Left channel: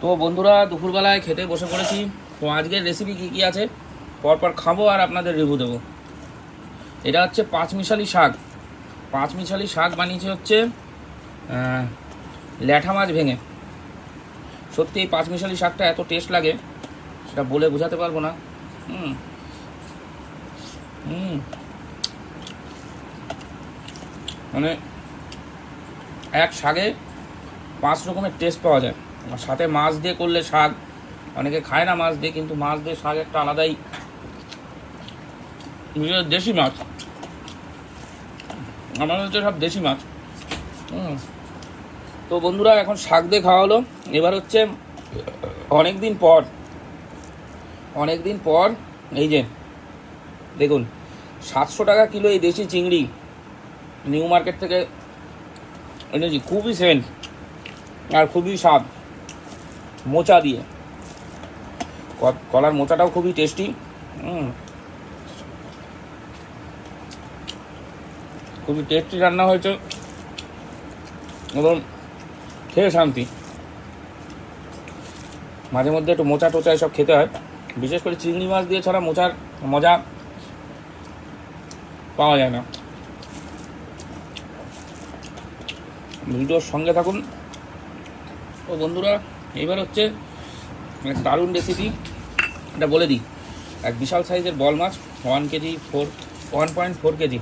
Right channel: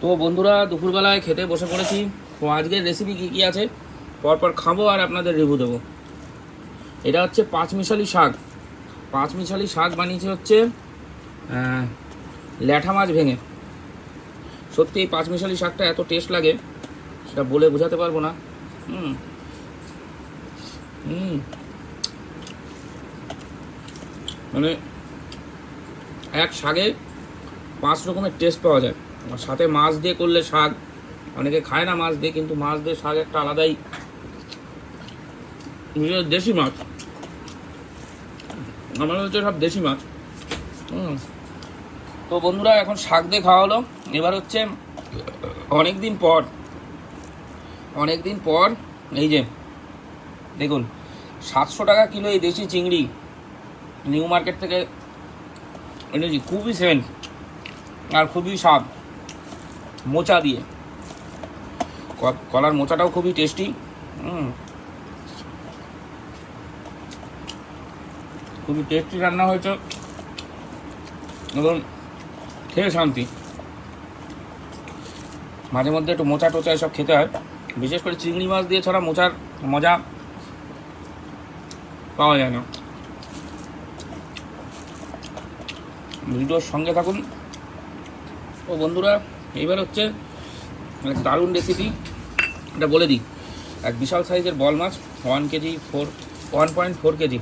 তো বন্ধুরা দুপুরবেলায় খেতে বসে পড়েছি। তো আজকের রেসিপি কী কী আছে পরপর খাবো আর আপনাদের রিভিউ দেবো। এটা হচ্ছে পাঁচমিশালি শাক। পাঁচমিশালি শাক বানিয়েছে হচ্ছে ল্যাঠা মাছ ভেঙে। সত্যি এই পাঁচমিশালি শাকটা এত টেস্ট লাগে সেটা বলে বোঝাতে পারবো না। মানে এক শাকে 5 রকমের টেস্ট পাওয়া যায়। আর সাথে মাছ দিয়ে করলে শাক, অনেকে খায় না মাছ দিয়ে, কিন্তু মাছ দিয়ে শাক একটা আলাদাই। দেশি মাছ, আমাদের হচ্ছে সব দেশি মাছ। তো বন্ধুরা এখন শাক দিয়ে খাওয়া হলো। এবার হচ্ছে অনেকদিন পর এই যে দেখুন 700 টাকা কিলো এই দেশি চিংড়ি নিউ মার্কেট থেকে এনেছি। খুবই সেন্ট আর খুবই স্বাদ, মোচা দিয়ে। কলার মোচাটাও খুবই টেস্টি। খুবই টেস্টি রান্না হয়েছে এবং খেয়ে শান্তি। মাঝে মধ্যে একটু মোচা টোচা এসব খেতে হয়, বিশেষ করে চিংড়ি মাছ দিয়ে ছাড়া মোচার মজা পাওয়া যায় না। ভিডিওর সঙ্গে থাকুন। ও বন্ধুরা, এইবার হচ্ছে এক দারুণ রেসিপি, এটা বলে দিই। এক বিশাল সাইজের বল মাছ, 1.4 কেজি।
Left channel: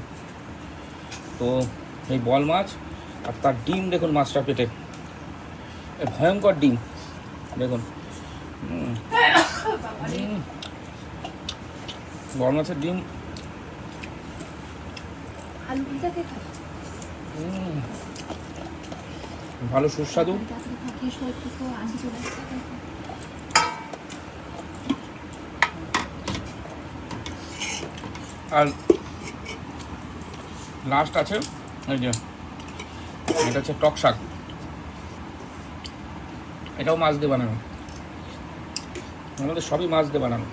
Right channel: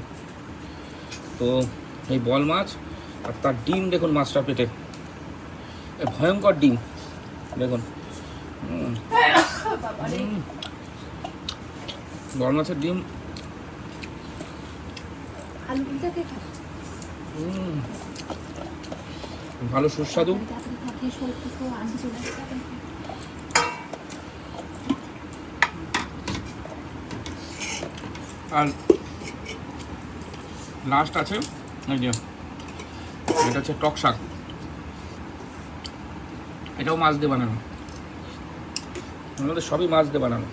তো এই বল মাছ আর তার ডিম দেখুন, মাছটা পেটে ভয়ঙ্কর ডিম দেখুন। বল মাছের ডিম ভালো সুস্বাদু। আর লাস্ট আছে এই যে, এটা হচ্ছে টক শাক। এটাও মাছ দিয়ে বানানো, আমাদের সবই মাছ দিয়ে বানানো।